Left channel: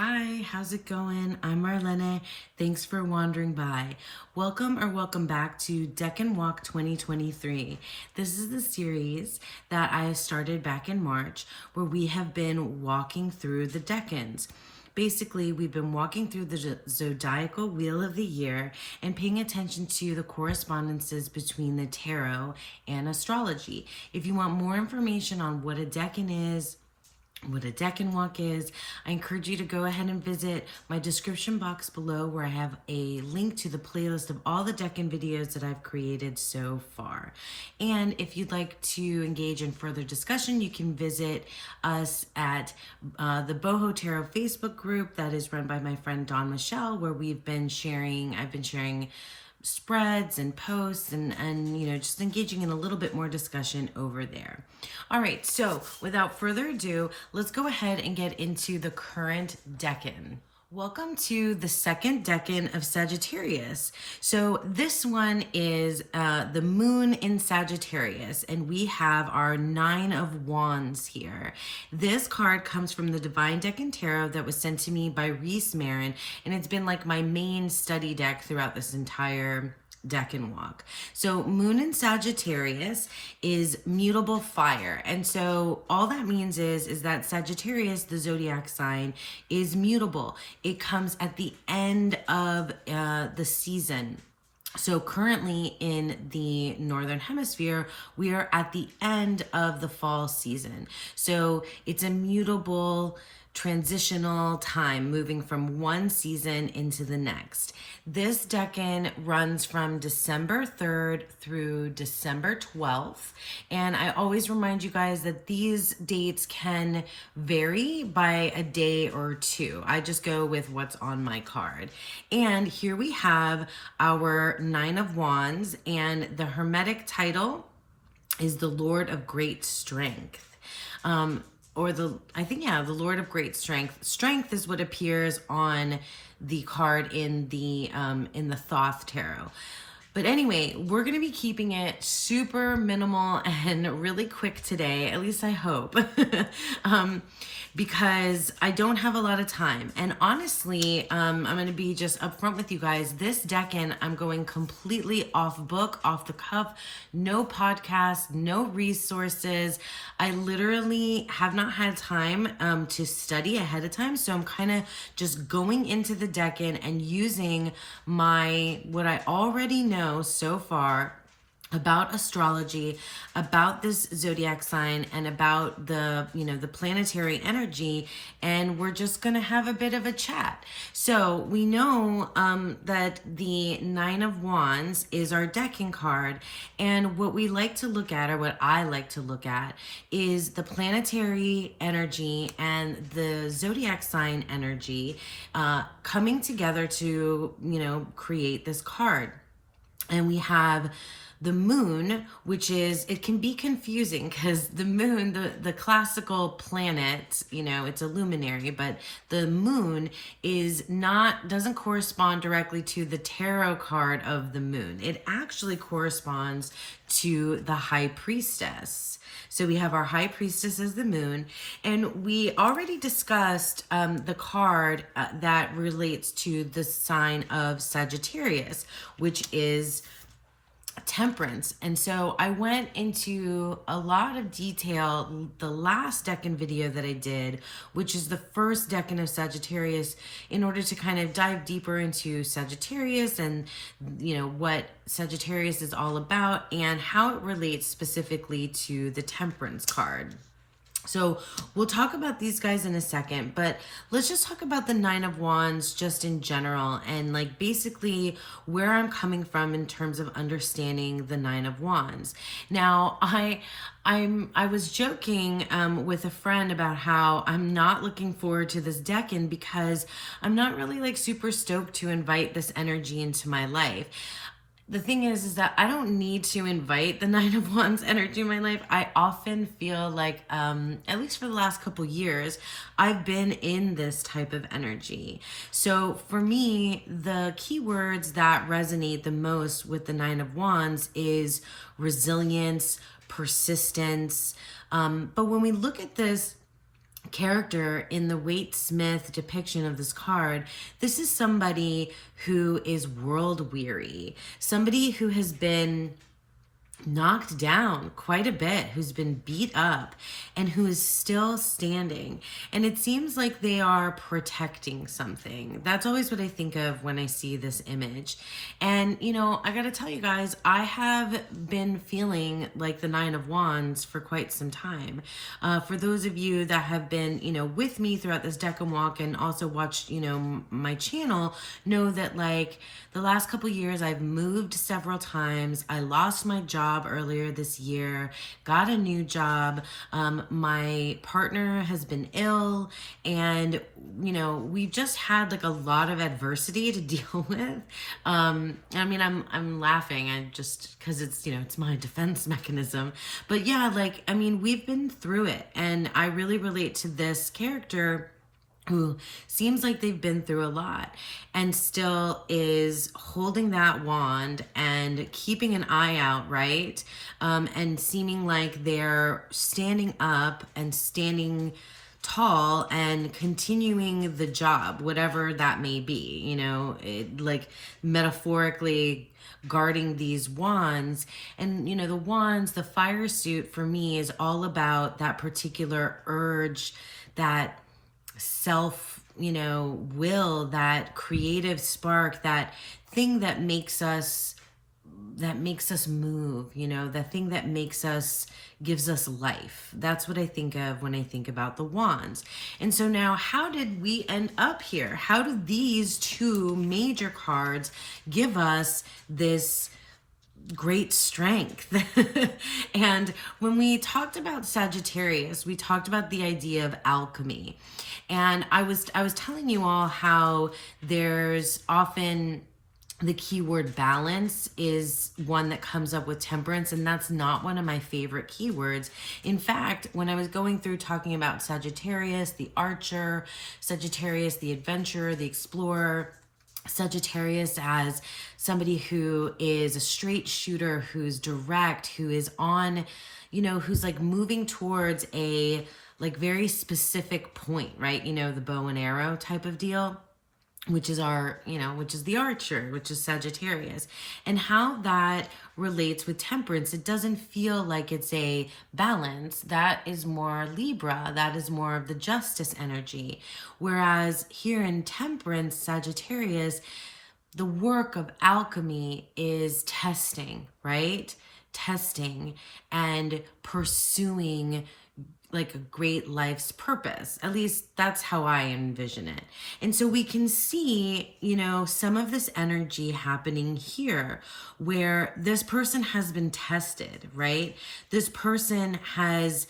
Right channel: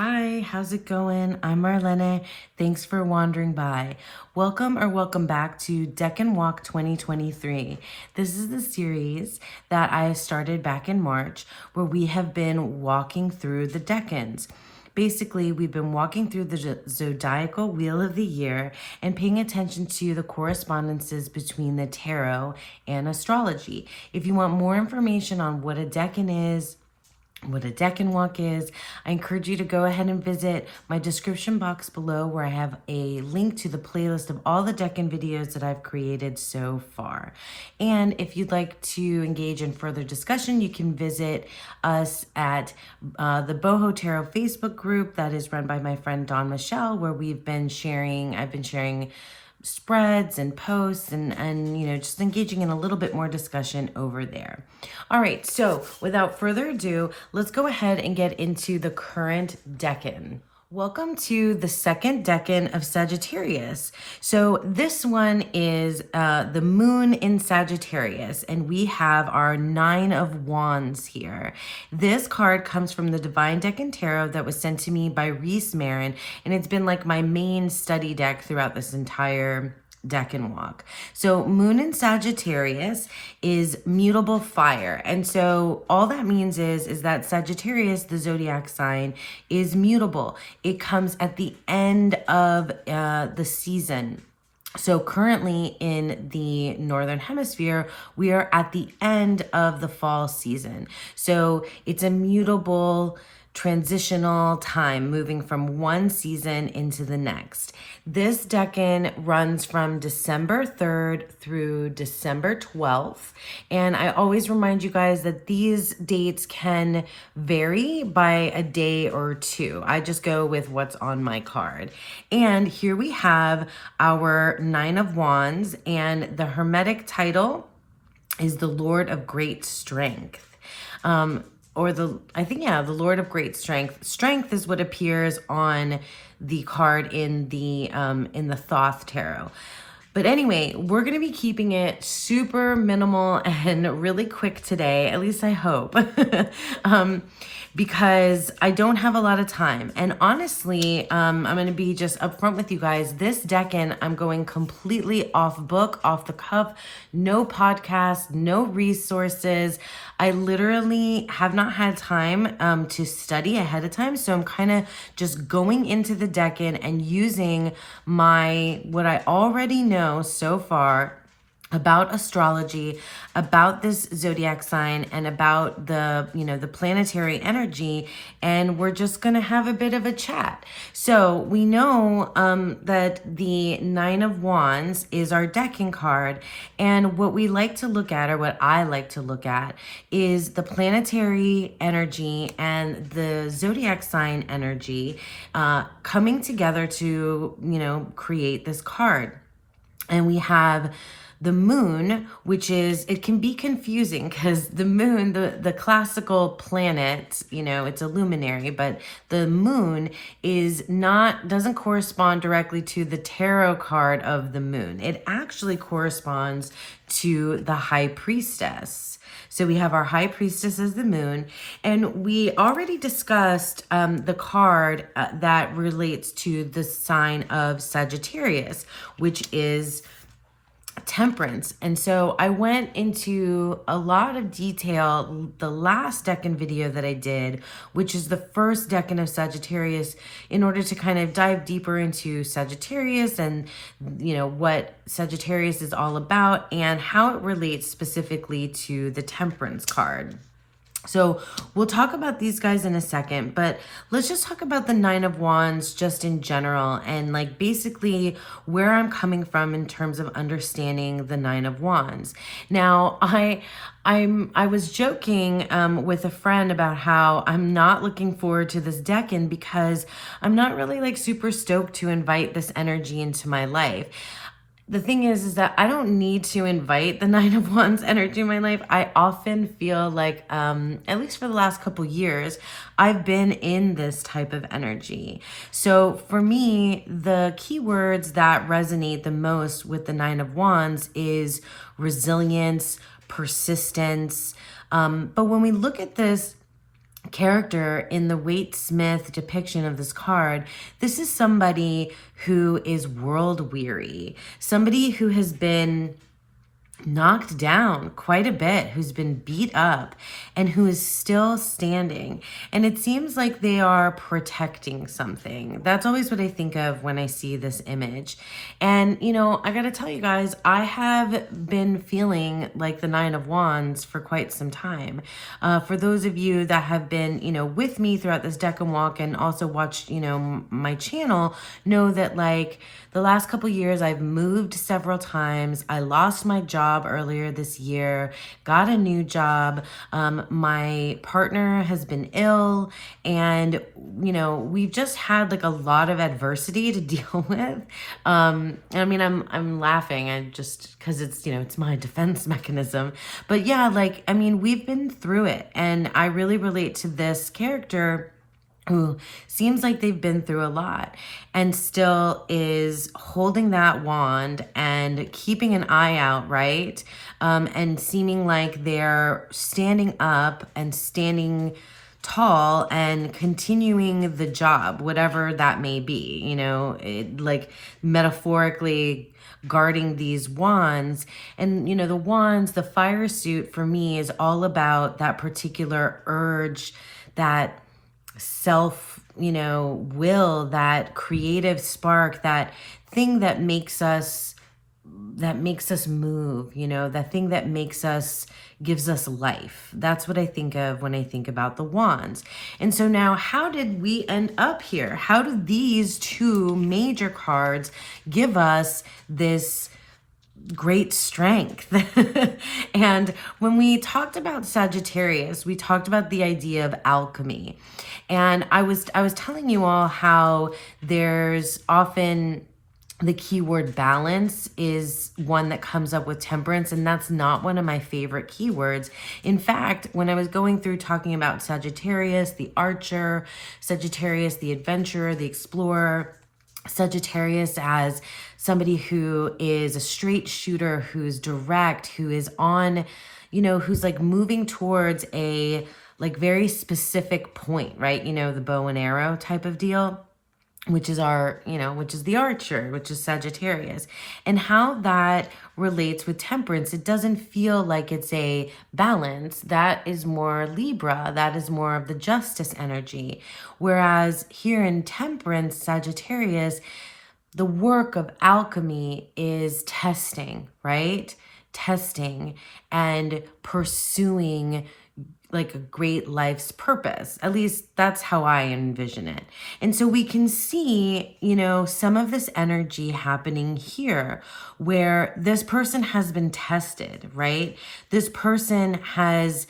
Hi, how's it going? I'm Marlene. Thanks for wandering by. Welcome back to Decan Walk 2023. This is the series that I started back in March where we have been walking through the decans. Basically, we've been walking through the zodiacal wheel of the year and paying attention to the correspondences between the tarot and astrology. If you want more information on what a decan is, what a Decan Walk is, I encourage you to go ahead and visit my description box below where I have a link to the playlist of all the Decan videos that I've created so far. And if you'd like to engage in further discussion, you can visit us at the Boho Tarot Facebook group that is run by my friend Dawn Michelle, where I've been sharing spreads and posts and just engaging in a little bit more discussion over there. All right, so without further ado, let's go ahead and get into the current decan. Welcome to the second decan of Sagittarius. So this one is the moon in Sagittarius, and we have our 9 of Wands here. This card comes from the Divine Decan Tarot that was sent to me by Reese Marin, and it's been like my main study deck throughout this entire Decan Walk. So moon in Sagittarius is mutable fire. And so all that means is that Sagittarius, the zodiac sign, is mutable. It comes at the end of the season. So currently in the Northern Hemisphere, we are at the end of the fall season. So it's a mutable transitional time moving from one season into the next. This decan runs from December 3rd through December 12th. And I always remind you guys that these dates can vary by a day or two. I just go with what's on my card. And here we have our 9 of Wands, and the Hermetic title is the Lord of Great Strength. The Lord of Great Strength. Strength is what appears on the card in the Thoth Tarot. But anyway, we're going to be keeping it super minimal and really quick today, at least I hope, because I don't have a lot of time. And honestly, I'm going to be just upfront with you guys. This decan, I'm going completely off book, off the cuff, no podcast, no resources. I literally have not had time to study ahead of time. So I'm kind of just going into the decan and using what I already know so far about astrology, about this zodiac sign, and about the planetary energy, and we're just gonna have a bit of a chat. So we know that the 9 of Wands is our decan card, and what we like to look at, or what I like to look at, is the planetary energy and the zodiac sign energy coming together to create this card. And we have the moon, which it can be confusing because the moon, the classical planet, it's a luminary, but the moon doesn't correspond directly to the tarot card of the moon. It actually corresponds to the High Priestess. So we have our High Priestess as the moon, and we already discussed the card that relates to the sign of Sagittarius, which is Temperance. And so I went into a lot of detail the last decan video that I did, which is the first decan of Sagittarius, in order to kind of dive deeper into Sagittarius and what Sagittarius is all about and how it relates specifically to the Temperance card. So we'll talk about these guys in a second, but let's just talk about the 9 of Wands just in general and basically where I'm coming from in terms of understanding the 9 of Wands. Now, I was joking with a friend about how I'm not looking forward to this decan because I'm not really super stoked to invite this energy into my life. The thing is that I don't need to invite the 9 of Wands energy in my life. I often feel like, at least for the last couple years, I've been in this type of energy. So for me, the keywords that resonate the most with the 9 of Wands is resilience, persistence. But when we look at this character in the Waite Smith depiction of this card, this is somebody who is world weary, somebody who has been knocked down quite a bit, who's been beat up, and who is still standing. And it seems like they are protecting something. That's always what I think of when I see this image. And, you know, I gotta tell you guys, I have been feeling like the Nine of Wands for quite some time. For those of you that have been, you know, with me throughout this Decan Walk and also watched, you know, my channel, know that like the last couple years I've moved several times. I lost my job earlier this year, got a new job. My partner has been ill, and you know, we've just had like a lot of adversity to deal with. I mean, I'm laughing. I just, because it's, you know, it's my defense mechanism. But yeah, like, I mean, we've been through it, and I really relate to this character who seems like they've been through a lot and still is holding that wand and keeping an eye out, right? And seeming like they're standing up and standing tall and continuing the job, whatever that may be, you know, like metaphorically guarding these wands. And, you know, the wands, the fire suit for me is all about that particular urge, that self, you know, will, that creative spark, that thing that makes us move, you know, that thing that makes us, gives us life. That's what I think of when I think about the wands. And so now, how did we end up here? How do these two major cards give us this great strength? And when we talked about Sagittarius, we talked about the idea of alchemy. And I was telling you all how there's often the keyword balance is one that comes up with Temperance, and that's not one of my favorite keywords. In fact, when I was going through talking about Sagittarius, the archer, Sagittarius, the adventurer, the explorer, Sagittarius as somebody who is a straight shooter, who's direct, who is on, you know, who's like moving towards a like very specific point, right? You know, the bow and arrow type of deal, which is our, you know, which is the archer, which is Sagittarius. And how that relates with Temperance, it doesn't feel like it's a balance. That is more Libra. That is more of the justice energy. Whereas here in Temperance, Sagittarius, the work of alchemy is testing, right? Testing and pursuing like a great life's purpose. At least that's how I envision it. And so we can see, you know, some of this energy happening here where this person has been tested, right? This person has,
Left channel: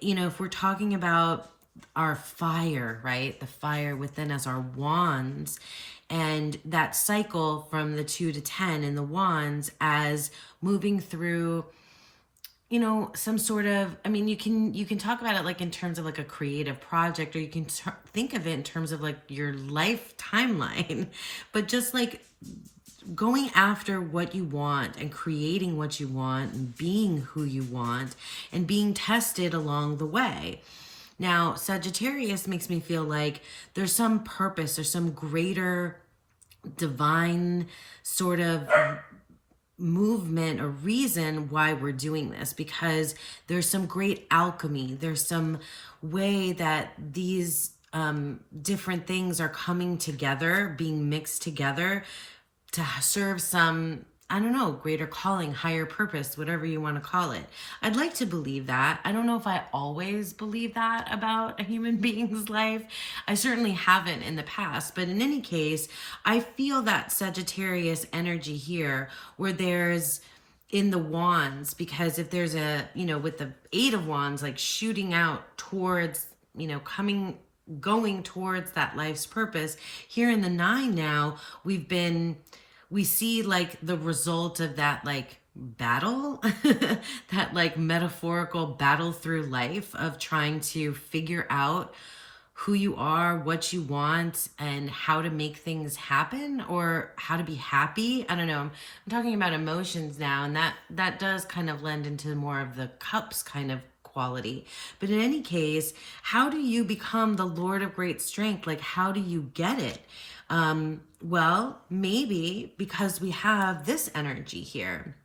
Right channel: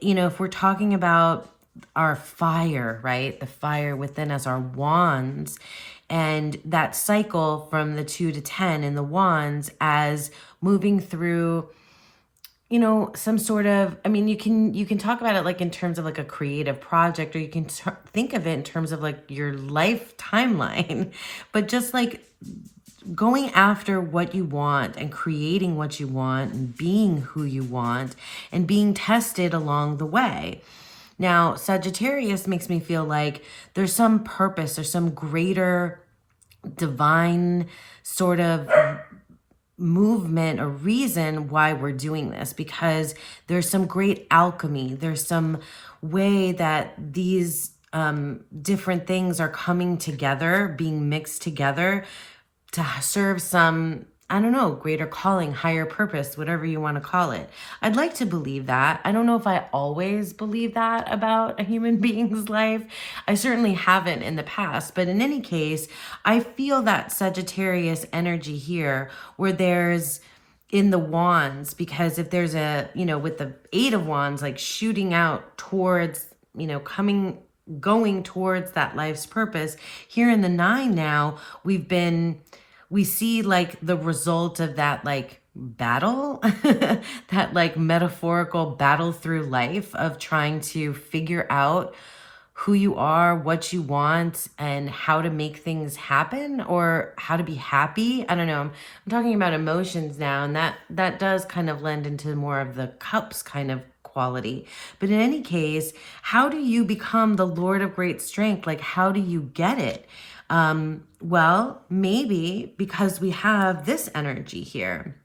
you know, if we're talking about our fire, right? The fire within us, our wands, and that cycle from the 2 to 10 in the wands as moving through, you know, some sort of, I mean, you can talk about it like in terms of like a creative project, or you can think of it in terms of like your life timeline, but just like going after what you want and creating what you want and being who you want and being tested along the way. Now, Sagittarius makes me feel like there's some purpose or some greater divine sort of movement or reason why we're doing this, because there's some great alchemy. There's some way that these different things are coming together, being mixed together to serve some, I don't know, greater calling, higher purpose, whatever you want to call it. I'd like to believe that. I don't know if I always believe that about a human being's life. I certainly haven't in the past, but in any case, I feel that Sagittarius energy here where there's in the wands, because if there's a, you know, with the 8 of wands, like shooting out towards, you know, going towards that life's purpose, here in the 9 now, we see like the result of that like battle, that like metaphorical battle through life of trying to figure out who you are, what you want, and how to make things happen, or how to be happy. I don't know. I'm talking about emotions now, and that does kind of lend into more of the cups kind of quality. But in any case, how do you become the Lord of great strength? Like, how do you get it? Well, maybe because we have this energy here.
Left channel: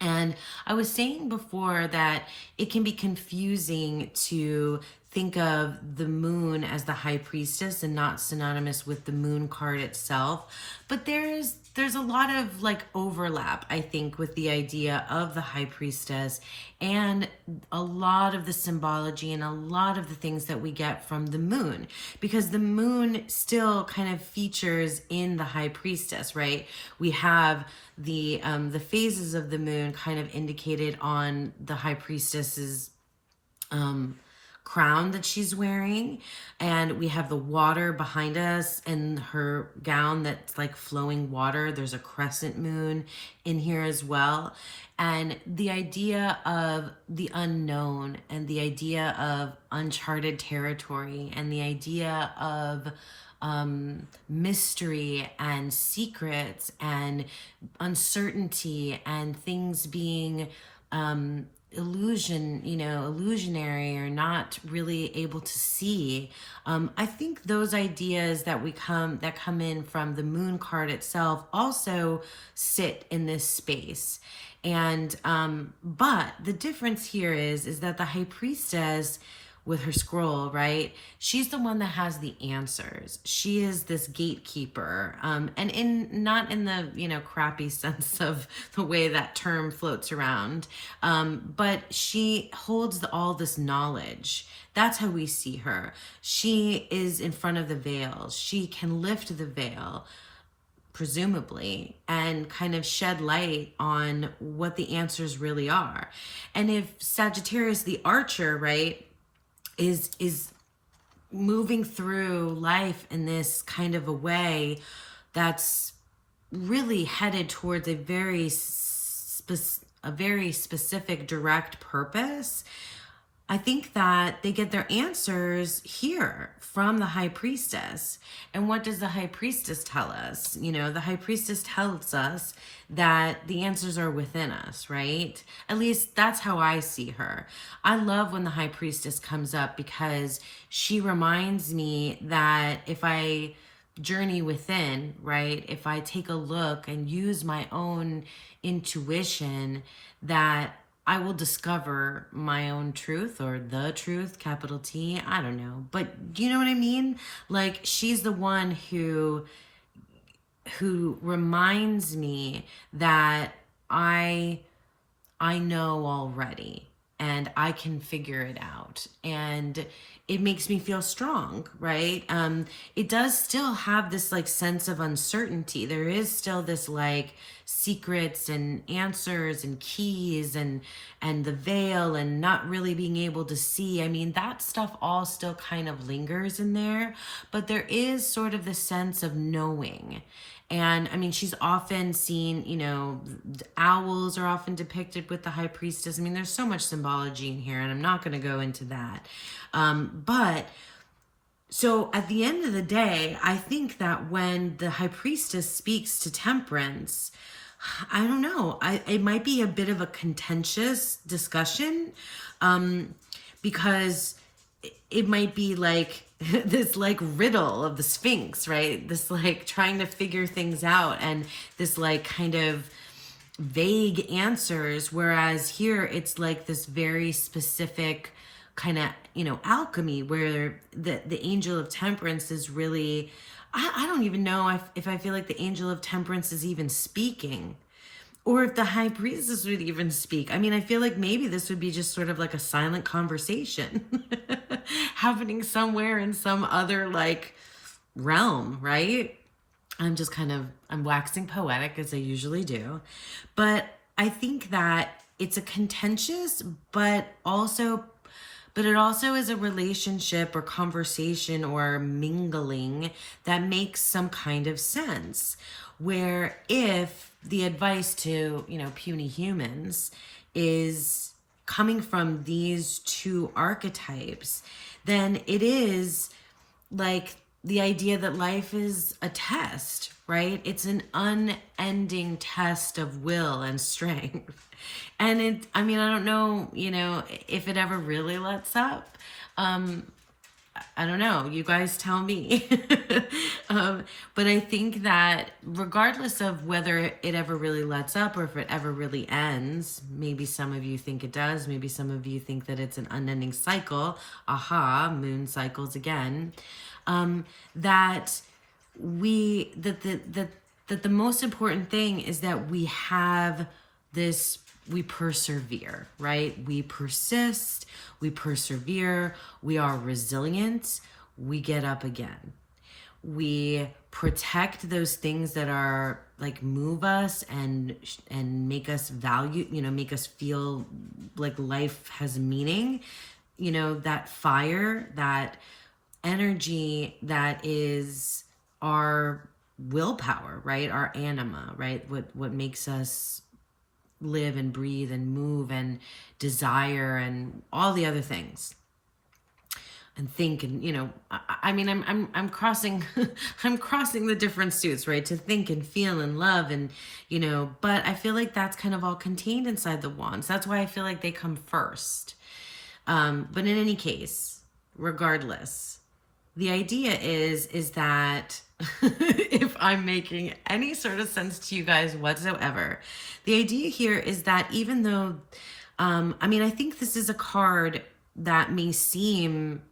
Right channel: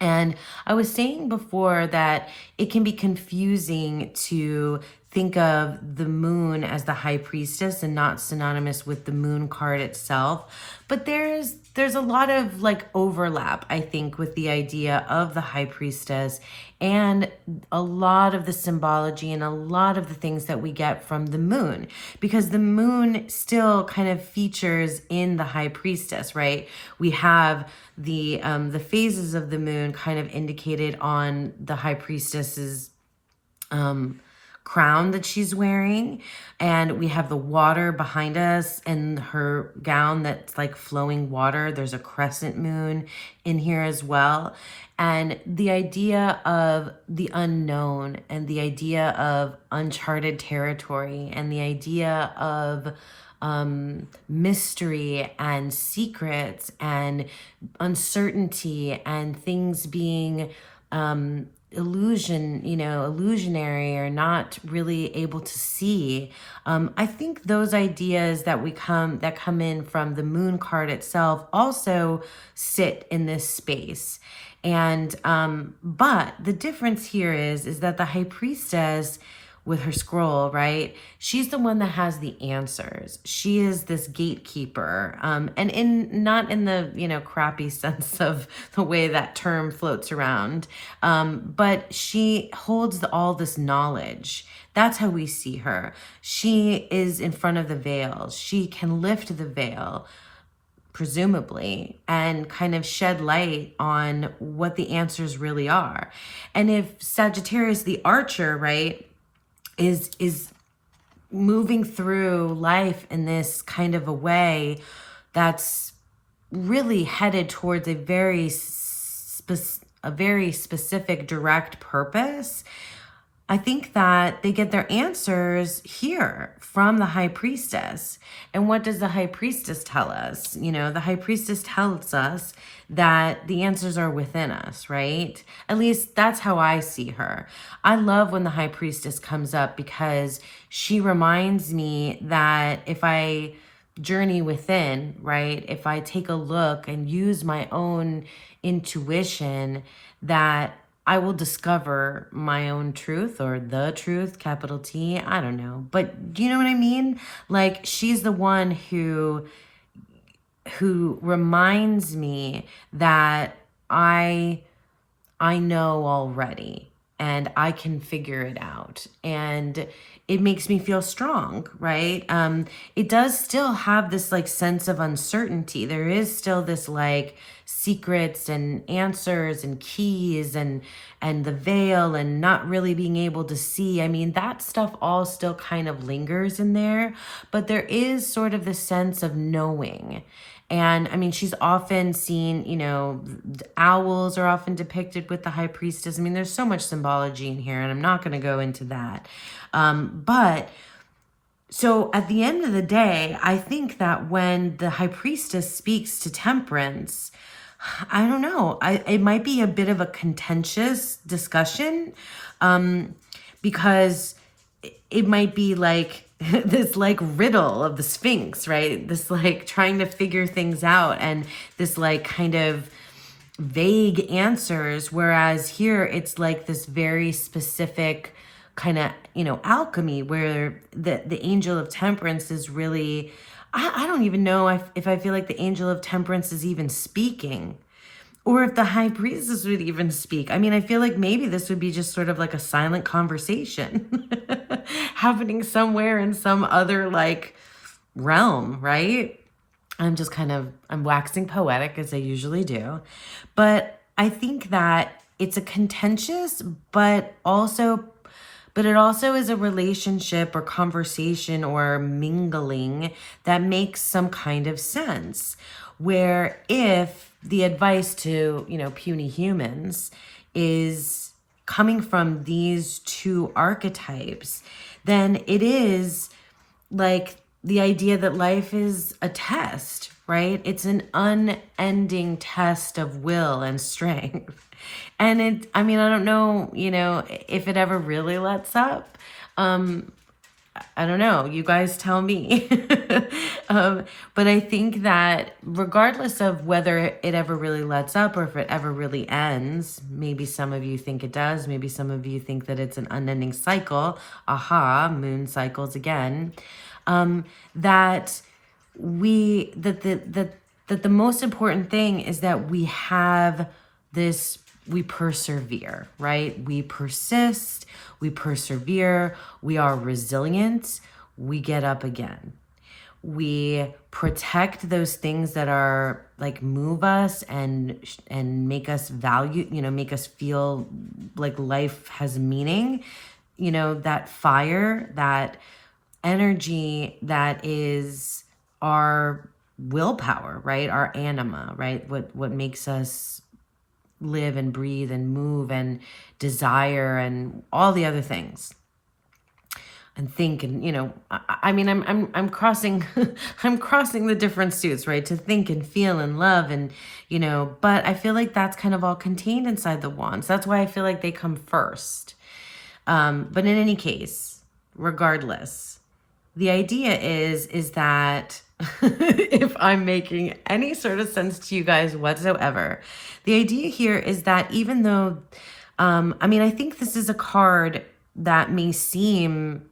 And I was saying before that it can be confusing to think of the moon as the high priestess and not synonymous with the moon card itself. But there's a lot of like overlap, I think, with the idea of the high priestess and a lot of the symbology and a lot of the things that we get from the moon, because the moon still kind of features in the high priestess, right? We have the phases of the moon kind of indicated on the high priestess's crown that she's wearing, and we have the water behind us and her gown that's like flowing water. There's a crescent moon in here as well, and the idea of the unknown and the idea of uncharted territory and the idea of mystery and secrets and uncertainty and things being illusionary or not really able to see. I think those ideas that come in from the moon card itself also sit in this space. And but the difference here is that the high priestess with her scroll, right? She's the one that has the answers. She is this gatekeeper, and not in the crappy sense of the way that term floats around, but she holds all this knowledge. That's how we see her. She is in front of the veil. She can lift the veil, presumably, and kind of shed light on what the answers really are. And if Sagittarius, the archer, right, is moving through life in this kind of a way that's really headed towards a very specific direct purpose, I think that they get their answers here from the high priestess. And what does the high priestess tell us? The high priestess tells us that the answers are within us, right? At least that's how I see her. I love when the high priestess comes up because she reminds me that if I journey within, right? If I take a look and use my own intuition, that I will discover my own truth, or the truth, capital T. I don't know. But do you know what I mean? Like, she's the one who reminds me that I know already and I can figure it out. And it makes me feel strong, right? It does still have this like sense of uncertainty. There is still this like secrets and answers and keys and the veil and not really being able to see. I mean, that stuff all still kind of lingers in there, but there is sort of the sense of knowing. And I mean, she's often seen, the owls are often depicted with the high priestess. I mean, there's so much symbology in here, and I'm not going to go into that. But so at the end of the day, I think that when the high priestess speaks to Temperance, I don't know, it might be a bit of a contentious discussion, because it might be like this like riddle of the Sphinx, right? This like trying to figure things out and this like kind of vague answers. Whereas here it's like this very specific kind of, alchemy where the angel of Temperance is really, I don't even know if I feel like the angel of Temperance is even speaking, or if the high priestess would even speak. I mean, I feel like maybe this would be just sort of like a silent conversation happening somewhere in some other like realm, right? I'm waxing poetic as I usually do. But I think that it's a contentious, but it also is a relationship or conversation or mingling that makes some kind of sense. Where if the advice to, puny humans is coming from these two archetypes, then it is like the idea that life is a test, right? It's an unending test of will and strength. And I mean, I don't know, if it ever really lets up. I don't know. You guys tell me. But I think that regardless of whether it ever really lets up or if it ever really ends, maybe some of you think it does. Maybe some of you think that it's an unending cycle. Aha, moon cycles again. That the most important thing is that we have this, we persevere, right? We persist, we persevere, we are resilient, we get up again. We protect those things that are like move us and make us value, make us feel like life has meaning, that fire, that energy that is our willpower, right? Our anima, right? What makes us live and breathe and move and desire and all the other things and think. And I mean, I'm crossing I'm crossing the different suits, right? To think and feel and love and but I feel like that's kind of all contained inside the wands. That's why I feel like they come first. But in any case, regardless, the idea is that if I'm making any sort of sense to you guys whatsoever, the idea here is that even though, I mean, I think this is a card that may seem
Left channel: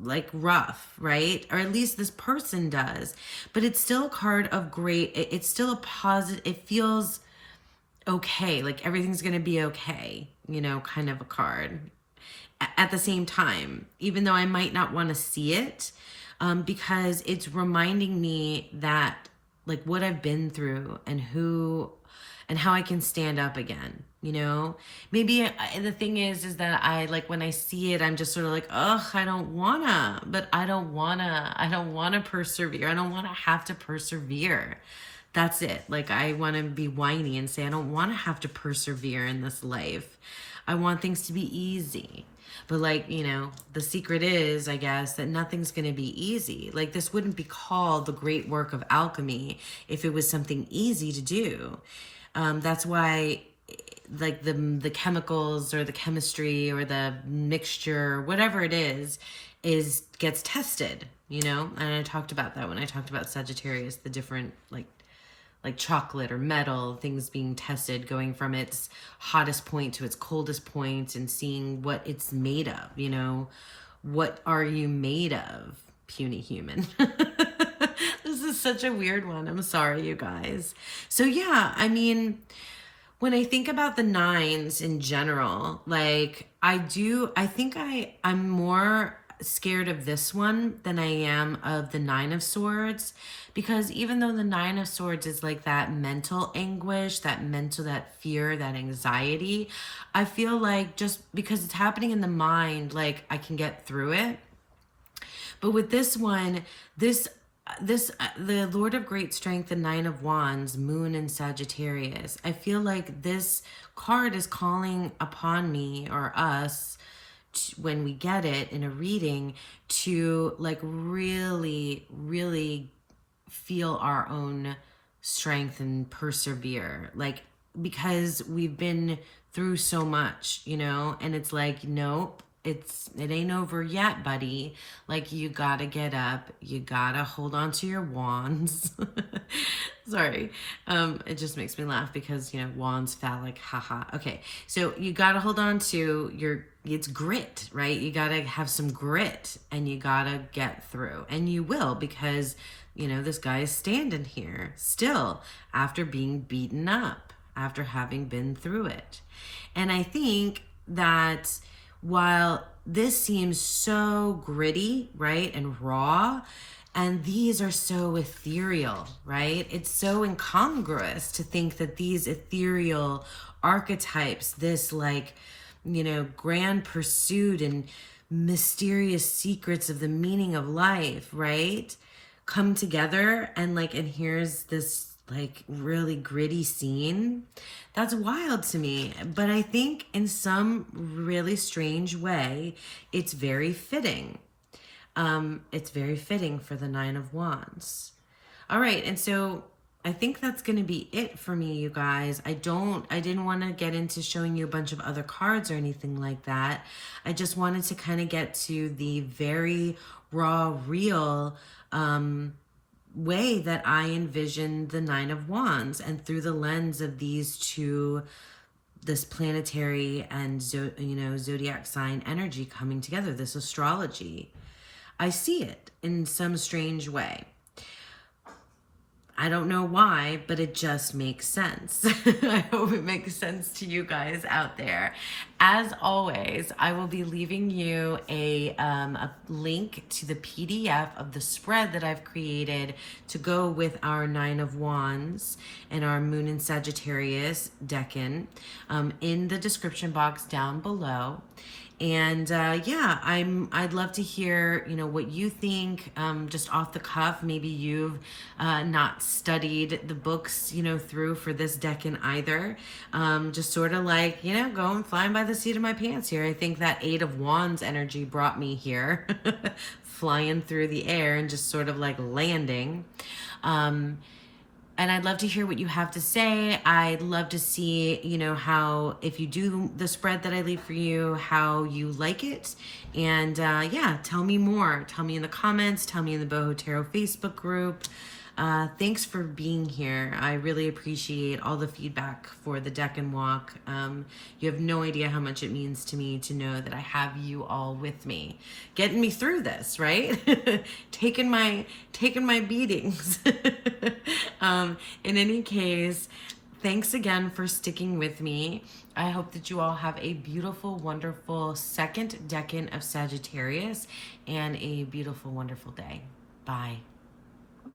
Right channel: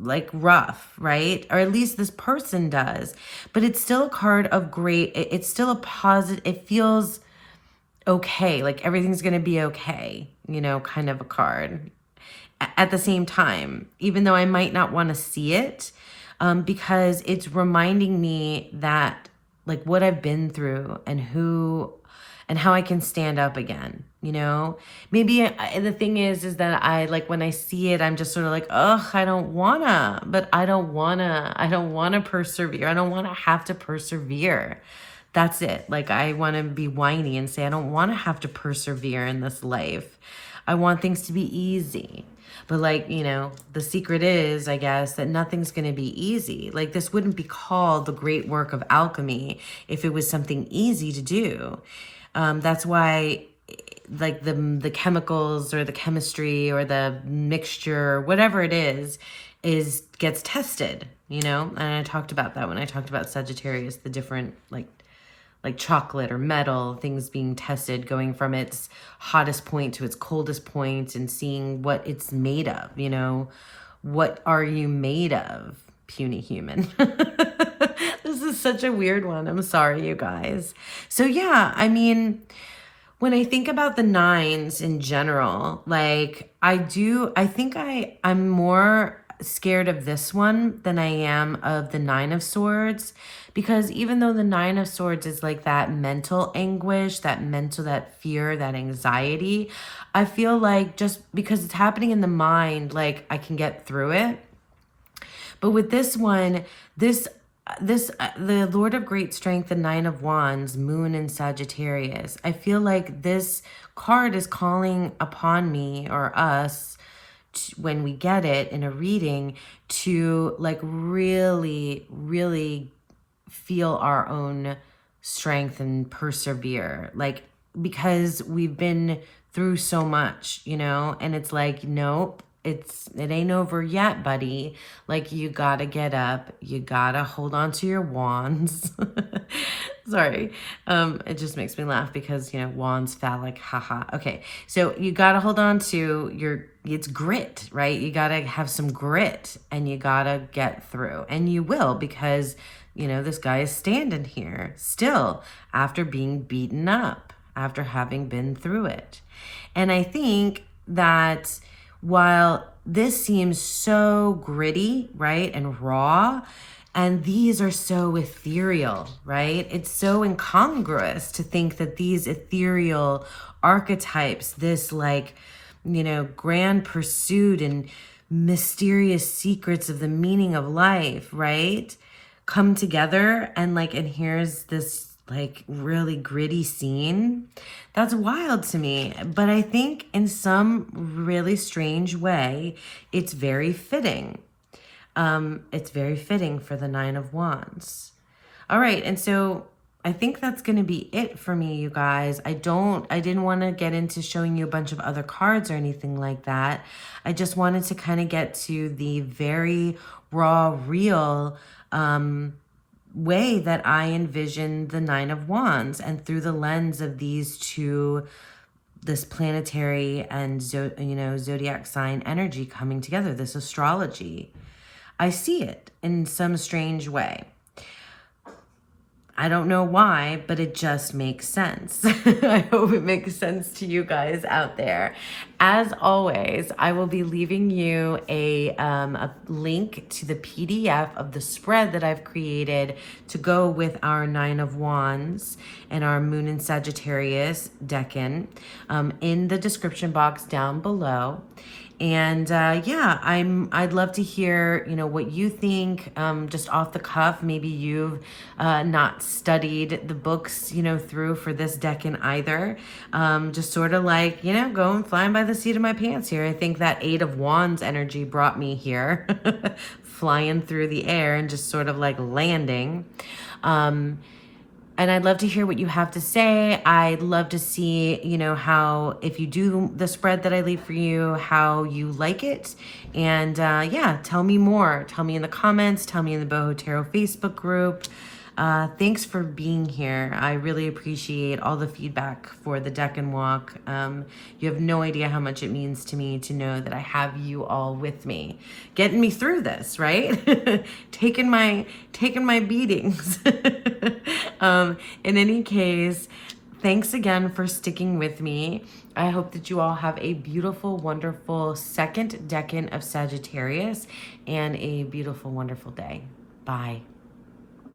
like rough, right? Or at least this person does, but it's still a card of great, it's still a positive, it feels okay, like everything's going to be okay, kind of a card. At the same time, even though I might not want to see it, because it's reminding me that like what I've been through and how I can stand up again, maybe the thing is that I like when I see it, I'm just sort of like, ugh, I don't wanna persevere. I don't want to have to persevere. That's it. Like, I want to be whiny and say, I don't want to have to persevere in this life. I want things to be easy. But like, the secret is, I guess, that nothing's going to be easy. Like, this wouldn't be called the great work of alchemy if it was something easy to do. That's why, like, the chemicals or the chemistry or the mixture, whatever it is gets tested, And I talked about that when I talked about Sagittarius, the different, like chocolate or metal, things being tested, going from its hottest point to its coldest point and seeing what it's made of, what are you made of, puny human? This is such a weird one. I'm sorry, you guys. So yeah, I mean, when I think about the nines in general, like I think I'm more scared of this one than I am of the Nine of Swords, because even though the Nine of Swords is like that mental anguish, that fear, that anxiety, I feel like just because it's happening in the mind, like I can get through it. But with this one, the Lord of Great Strength, the Nine of Wands, Moon in Sagittarius, I feel like this card is calling upon me or us when we get it in a reading to like really, really feel our own strength and persevere, like, because we've been through so much, and it's like, nope, it ain't over yet, buddy. Like, you gotta get up, you gotta hold on to your wands. Sorry. It just makes me laugh because, wands, phallic, haha. Okay. So you gotta hold on to it's grit, right? You gotta have some grit and you gotta get through, and you will, because, this guy is standing here still after being beaten up, after having been through it. And I think that while this seems so gritty, right, and raw, and these are so ethereal, right? It's so incongruous to think that these ethereal archetypes, this like, grand pursuit and mysterious secrets of the meaning of life, right, come together and here's this like really gritty scene. That's wild to me. But I think in some really strange way, it's very fitting. It's very fitting for the Nine of Wands. All right, and so I think that's going to be it for me, you guys. I didn't want to get into showing you a bunch of other cards or anything like that. I just wanted to kind of get to the very raw, real way that I envision the Nine of Wands, and through the lens of these two, this planetary and zodiac sign energy coming together, this astrology. I see it in some strange way. I don't know why, but it just makes sense. I hope it makes sense to you guys out there. As always, I will be leaving you a link to the PDF of the spread that I've created to go with our Nine of Wands and our Moon in Sagittarius Decan in the description box down below. And yeah, I'd love to hear, what you think, just off the cuff. Maybe you've not studied the books, through for this Decan either. Just sort of like, going flying by the seat of my pants here. I think that Eight of Wands energy brought me here, flying through the air and just sort of like landing. And I'd love to hear what you have to say. I'd love to see, how, if you do the spread that I leave for you, how you like it. And yeah, tell me more. Tell me in the comments. Tell me in the Boho Tarot Facebook group. Thanks for being here. I really appreciate all the feedback for the Decan Walk. You have no idea how much it means to me to know that I have you all with me, getting me through this, right? taking my beatings. In any case, thanks again for sticking with me. I hope that you all have a beautiful, wonderful second Decan of Sagittarius and a beautiful, wonderful day. Bye.